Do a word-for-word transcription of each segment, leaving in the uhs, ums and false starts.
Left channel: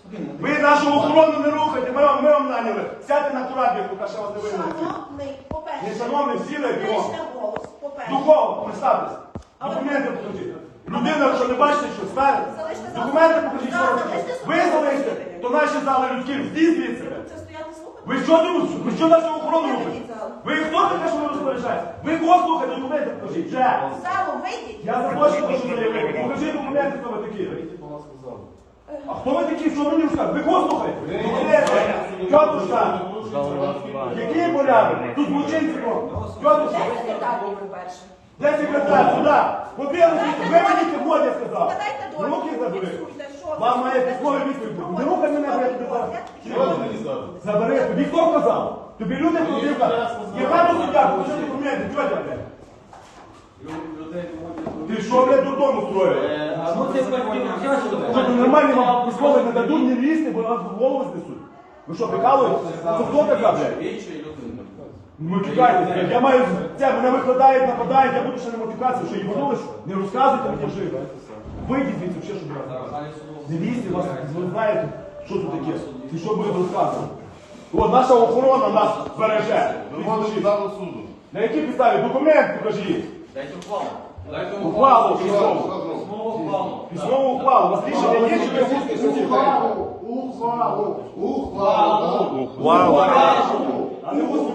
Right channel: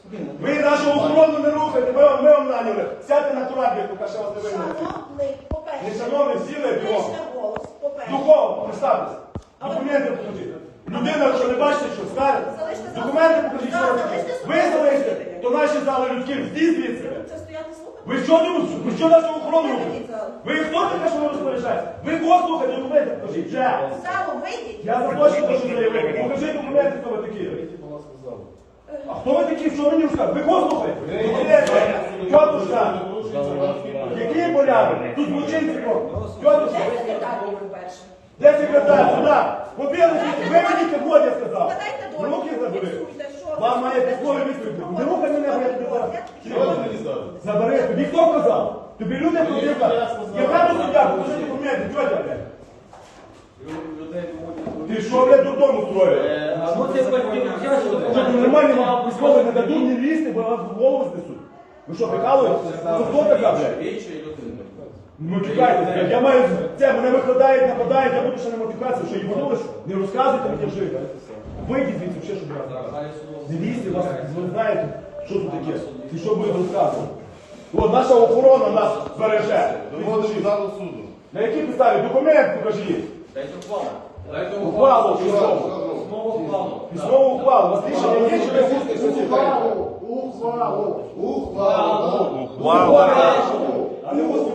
Ви нашу охорону не рухайте, ми вам, ми вам наняли. Сядьте на кораблі, поки ще вас не винили. Шановний, по-перше, Не шановний, сіли, знижте голос, по-перше. Духово, представтесь. Документи покажіть. Людина, що не бачите, що стає. Документи покажіть, що робите. Ви залиште, то наші зали людські, здійсніть звідси. Це стояти слухати? Ви що тут? Ви що нашу охорону робите? Ви хто таке, що ви розпоряджаєте? Ви кого слухаєте? Документи покажіть. Вже. В залу вийдіть. Я захочу, що заявити. Покажіть документи, хто ви такі. А хто ви такі? Що мені розказуєте? Ви кого слухаєте? Тьотушка. Який порядок? Тут злочинці роблять. Де Тьотушка. секретар, по-перше? Де секретар? Сюди. Побігли, ви мені сьогодні сказав. Складайте довідку, Руки забери. фіксуйте, що ви Вам має робите, письмові що ви відповіді. робите. Не рухай мене, бо я тобі Робите. зараз. Забери. Тобі хто казав? Тобі люди подивляться. Яка до суддя? Покажи документи, тьотя, блядь. Ти що, блядь, додому строїш? Що, ти нормальні вам письмові не дадуть не лізти, бо вас в голову знесуть? Ви що, прикалуєтесь? Це хто така, блядь? Не матюкайтесь, блядь. Я маю це, мене викладають, нападають, я буду ще не матюкатися, що їбанули, не розказуйте мені жити. Вийдіть звідси, ще, щоб я. Не лізьте, вас, ви знаєте, що тут таке, і що будуть розказувати. От наша охорона нас береже. Виводимо залу суду. На якій підставі? Документ покажіть. Дайте ухвалу. Ухвалу, письмову. Письмову ухвалу. У вас рішення є, чи ви слухаєте? Ухвалу, ухвалу, ухвалу, Ухвалу. А не ось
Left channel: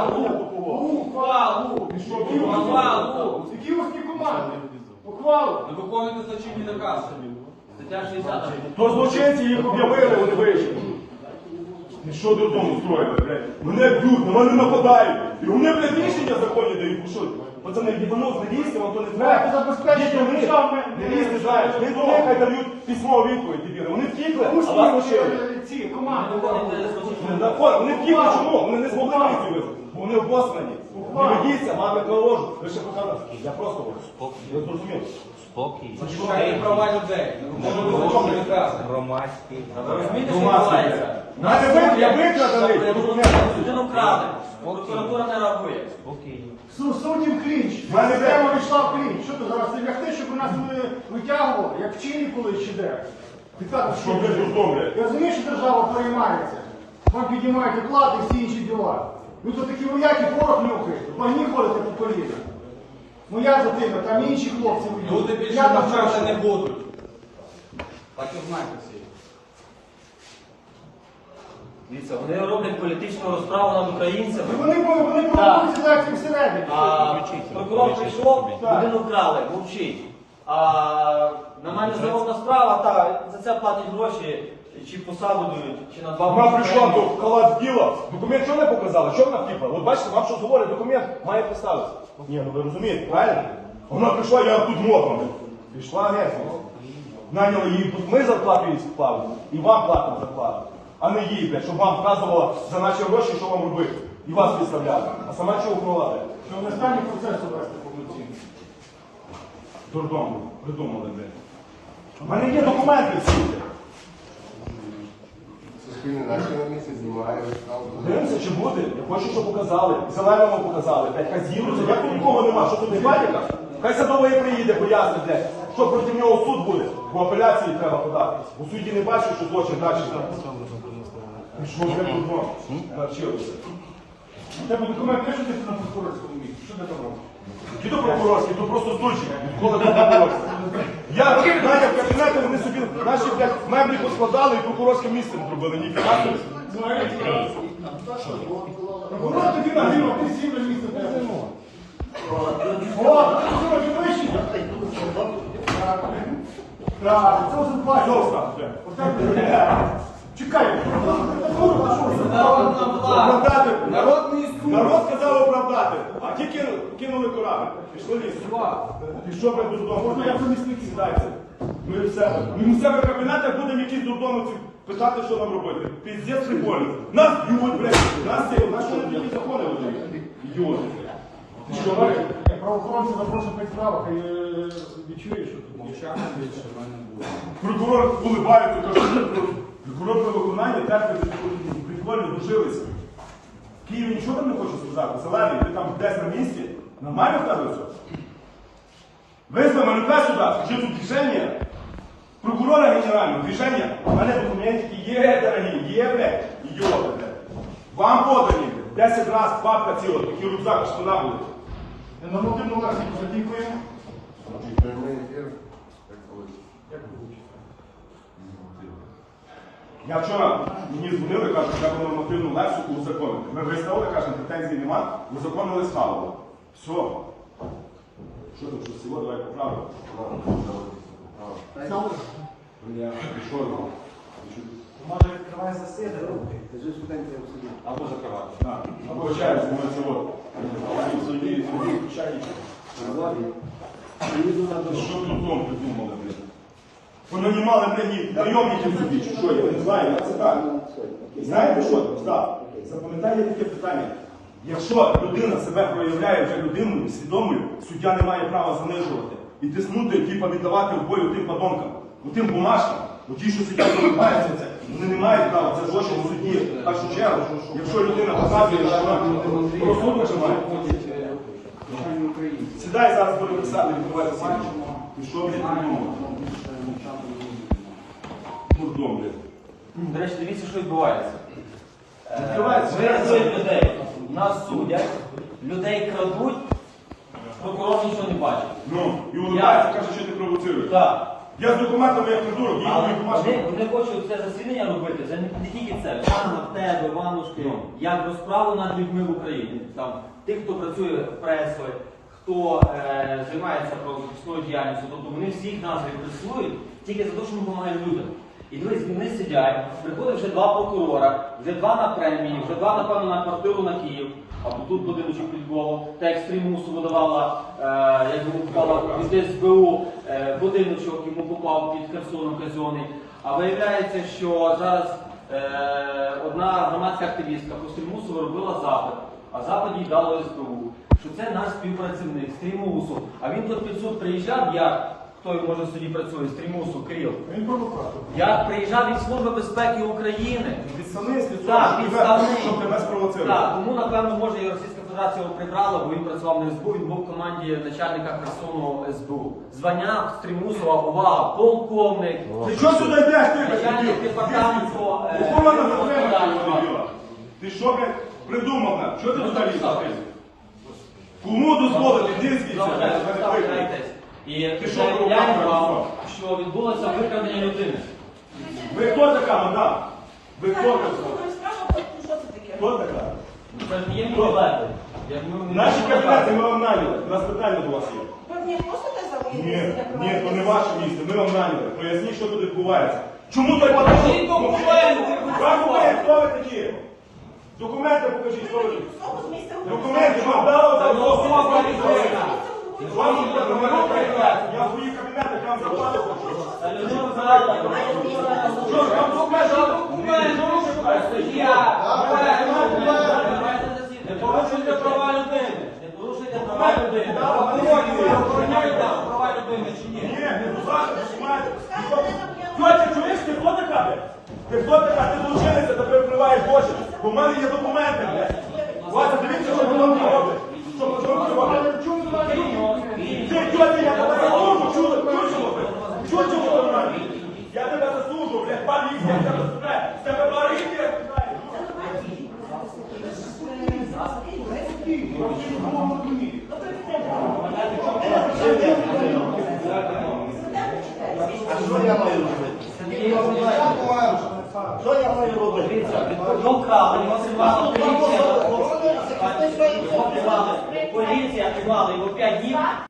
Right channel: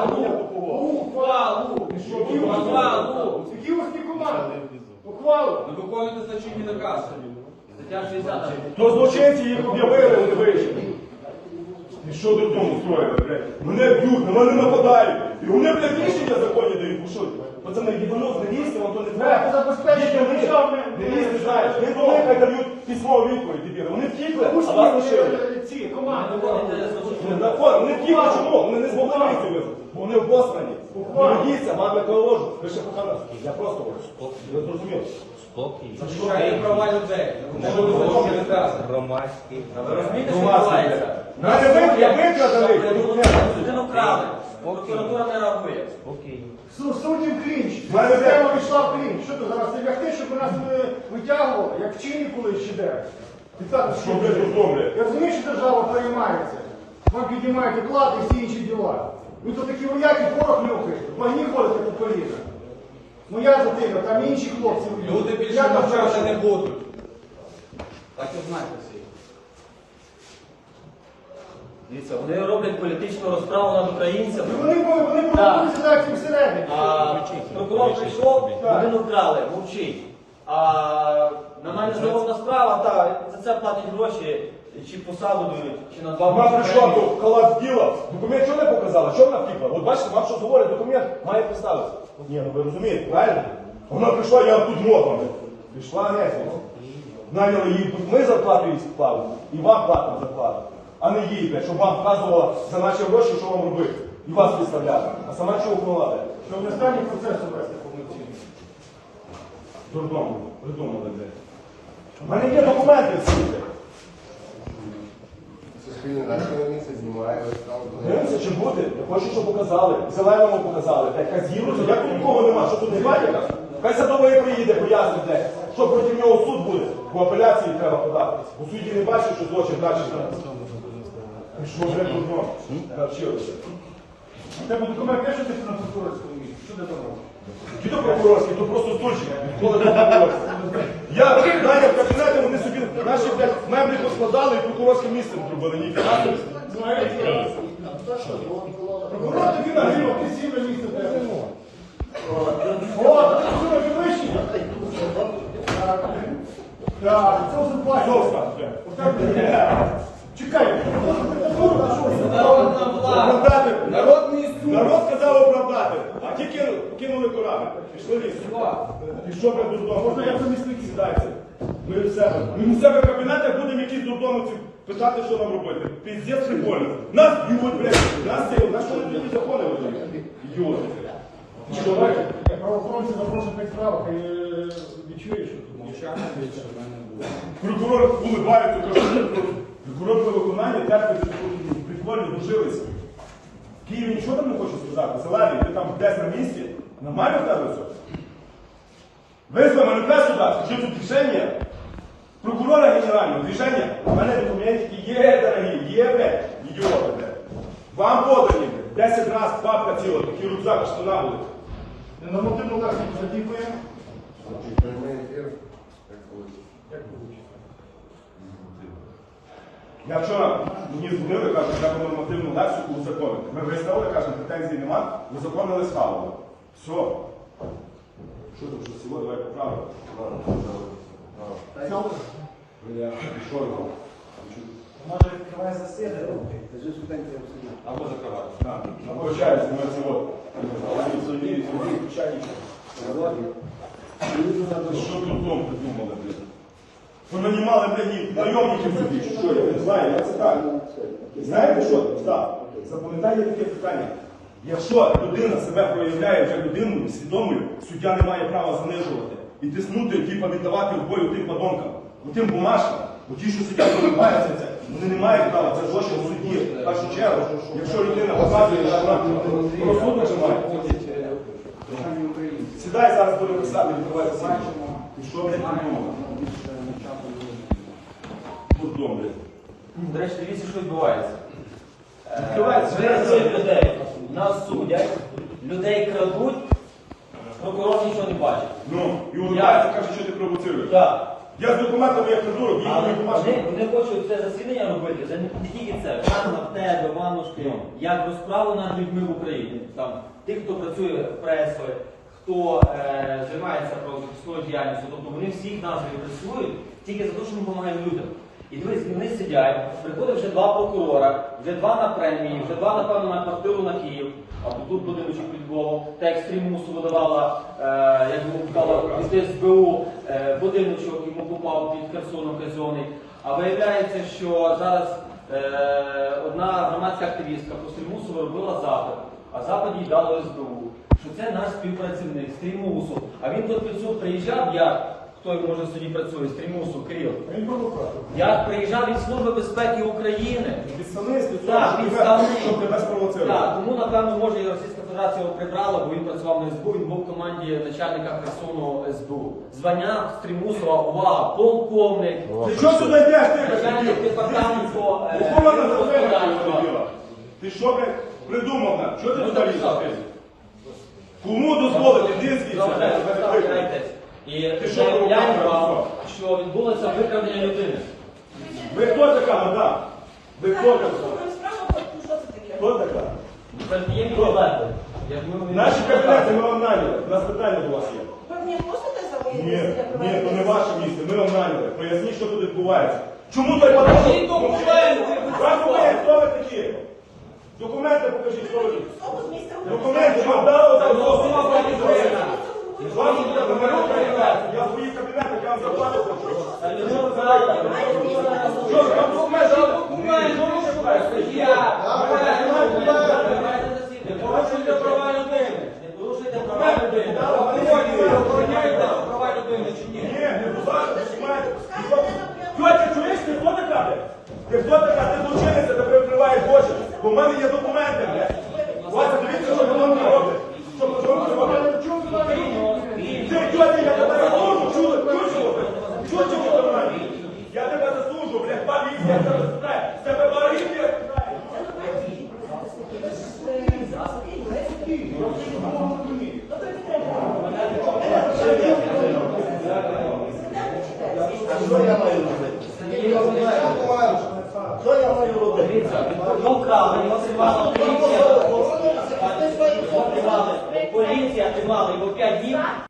Ухвалу. Ти що, ухвалу? Які ось ті команди? Ухвалу. Не виконуйте злочинні накази. Стаття шістдесят. То злочинці їх об'явили, вони вийшли. І що додому строїли, блядь? Мене б'ють, на мене нападають. І вони, блядь, рішення законні дають. Ви що? Пацани, їбанув, не лізьте, вам то не треба. Ти забезпечите, ви не лізьте, знаєш. Ви до них хай дають письмову відповідь, дебіли. Вони втікли, а вас лишили. ці команди. Вони втікли, чому? Вони не змогли вийти. Вони обоскані. Не ведіться, мами положу. Ви ще показали. Я просто я зрозумів. Спокій. Шукайте права людей. Що до закону накази? Громадський. Ви розумієте, що відбувається? Мене ви, я викрадали документи. Людину вкрали. Прокуратура не реагує. Спокій. Суддів клінч. Мене Система вийшла в клінч. Що ти зараз це лягти, щоб нас не витягували, як вчені колись ще де? Ти так, Що ви роздобре? Я розумію, що держава переймається. Ви піднімаєте плати і всі інші діла. Ви тут такі вояки порох нюхаєте, пані ходите по повітрю. Моя дитина, там інші хлопці. Люди більше Я там навчати не вчора. будуть. Так і знайте всі. Дивіться, вони роблять політичну розправу над українцями. Вони вони провокують ситуацію всередині. А прокурор прийшов, Так. людину вкрали, мовчить. А на мене здоровна справа, та за це платять гроші, чи посаду дають, чи на два Вона прийшла роки. до халат діла. Документ що не показали? Що вона втікла? От бачите, вам що говорить, документ має поставитися. Ні, ну ви розумієте, правильно? Вона прийшла, я тут моком. Пішла геть. Наняли її тут. Ми зарплату їй склали. І вам платимо зарплату. А не їй, блядь, щоб вам вказувало за наші гроші, що вам робити. І вас підставляли. А сама чого вкладала? Ну, останній процес вести повноцінно. Дурдому. Придумали, блядь. У мене є документи всі. Суспільне наше на місці знімає. Дивимося, чи буде. Я хочу, щоб показали. Зеленому показали. Блядь, хай з'їдуться. Як тут нікого нема? Що тут не бачите? Хай Садовий приїде, пояснить, блядь, що проти нього суд буде. Бо апеляції треба подати. У суді не бачить, що злочин далі там. І що вже тут знову? Навчилися. У тебе документ є, що ти на прокурорському місці? Що ти там робиш? Які то прокурорські, то просто стульчик. Коли то прокурорські. Я знаю, в кабінеті вони собі наші, блядь, меблі поскладали і прокурорське місце не зробили. Ні, фінансово. Прокурор тобі нагрів, а ти сів на місце в тебе. О, прокурор ти вищий. Так, це вже бачиш. Зовста. Чекай, Оправдати. Народ, народ сказав оправдати. А ті кинули, кинули корабль. Пішли ліс. І що ви дурдом? Можна я помісник сідайте. Ми в себе. Ми в себе в кабінетах будемо якісь дурдомовці питати, що нам робити. Піздець прикольно. Нас б'ють, блядь. Нас сіли. Нас що не такі закони видають? Ідіоти. Ти що, бачиш? правоохоронці запрошують на справах і відчуєш, що тут Дівчата більше в мене буде. Прокурор улибається, каже, прокурор про виконання терпить, що прикольно дожилися. В Києві нічого там не хочу сказати. Зелений, ти там десь на місці. Нормально в тебе все? Визви манифест сюди, скажи тут рішення. Прокурора генерального рішення. У мене документи є. є, блядь, ідіоти, блядь. Вам подані, блядь, десять разів папка ціла, такі рюкзак, штана були. На нормативну лексику затікуємо. Я вчора, мені дзвонили, кажуть, що я буду нормативну лексику узаконити. Ми виставили, кажемо, претензій нема, узаконили схавало. Все. Що ти, це село, давай поправимо. Що ви? Може відкриває засідання? Або закривати. Або чаю, з моїм село. Що тут дом придумали, блядь? Вони не мали мені найомників собі, чи що, я не знаю, як це так. Знаєте що? Так. Запам'ятайте таке питання. Якщо людина себе проявляє вже людиною, свідомою, суддя не має права занижувати і тиснути, типа віддавати в бою тим подонкам, тим бумажкам, ті, що сидять розумаються це, вони не мають права, це злочин у суді. В першу чергу, якщо людина показує, що вона розсудок має. Сідай зараз буде писати, відбувається сім'я. Ти що, блядь, придумав? Дурдом, блядь. До речі, дивіться, що відбувається. Е, Відбувається. Ми рятуємо людей, нас судять, людей крадуть, прокурор нічого не бачить. Ну, і улыбається, каже, що ти провоцируєш. Так. Я з документами як придурок, Але їх не вони, бачу. вони хочуть це засідання робити, за не тільки це, саме в тебе, Іванушки, як розправу над людьми в Україні. Там, тих, хто працює пресою, хто е, займається правозахисною діяльністю, тобто вони всіх нас репресують тільки за те, що ми допомагаємо людям. І дивись, вони сидять, приходить вже два прокурора, вже два на премії, вже два, напевно, на квартиру на Київ, або тут будиночок під Львовом, та як стрімусу видавала, е, як йому попала від ес бе у, е, будиночок йому попав під Херсоном казонний. А виявляється, що зараз е, одна громадська активістка по Стрімусу робила запит, а запит їй дало ес бе у, що це наш співпрацівник Стрімусу. А він тут під суд приїжджав, як хто може в суді працює, Стрімусу, Кирил. Він провокатор. Я приїжджав від Служби безпеки України. Підставний з цього, Так, щоб тебе- підставний. щоб тебе спровоцирувати. Так, тому, напевно, може і Російська Федерація його прибрала, бо він працював на ес бе у, він був в команді начальника Херсону ес бе у. Звання Стрімусова, увага, полковник. Ти що сюди йдеш, ти? Начальник департаменту, е, Яку вона господарства. затримала? Ти що, блядь, придумав там? Що ти взагалі закрив? Кому дозволити дискіться? Заважайте, представляєтесь. І заявляємо, що відбулося викрадення людини. Ви хто така, мадам? Ви хто така? Ви спрашиваєте, що це таке? Хто така? Це є мій лайк. Я думаю, Наші кабінети ми вам наняли. У нас питання до вас є. Ви мені просто не Ні, заводите? ні, то не ваше місце, ми вам наняли. Поясніть, що тут відбувається. Чому так покажіть документи? Вам покажіть, хто ви такі? Документи покажіть, хто ви такі. Документи вам дали, там голосував вам відповідь. Вам не можна перевіряти. Я в свої кабінети, я вам заплатив. Що, вам документи? Не порушуйте права людини. Не порушуйте права людини. Права людини чи ні? Ні, не буває, документи. Тьотя, чуєш, ти хто така? Ти хто така? Ти злочинниця, тебе вкриваєш очі. Бо в мене є документи, блядь. Вася, дивіться, що воно робить. Що ви робите? Ти, тьотя, я тебе засуджу, чули, чучело, блядь. Чучело до мене. Я тебе засуджу, блядь, поліція, тебе розстріляє. З тебе поліція, Що я маю робити? Дивіться, його крали, його тримала поліція. Його тримали, поліція тримала його п'ять днів.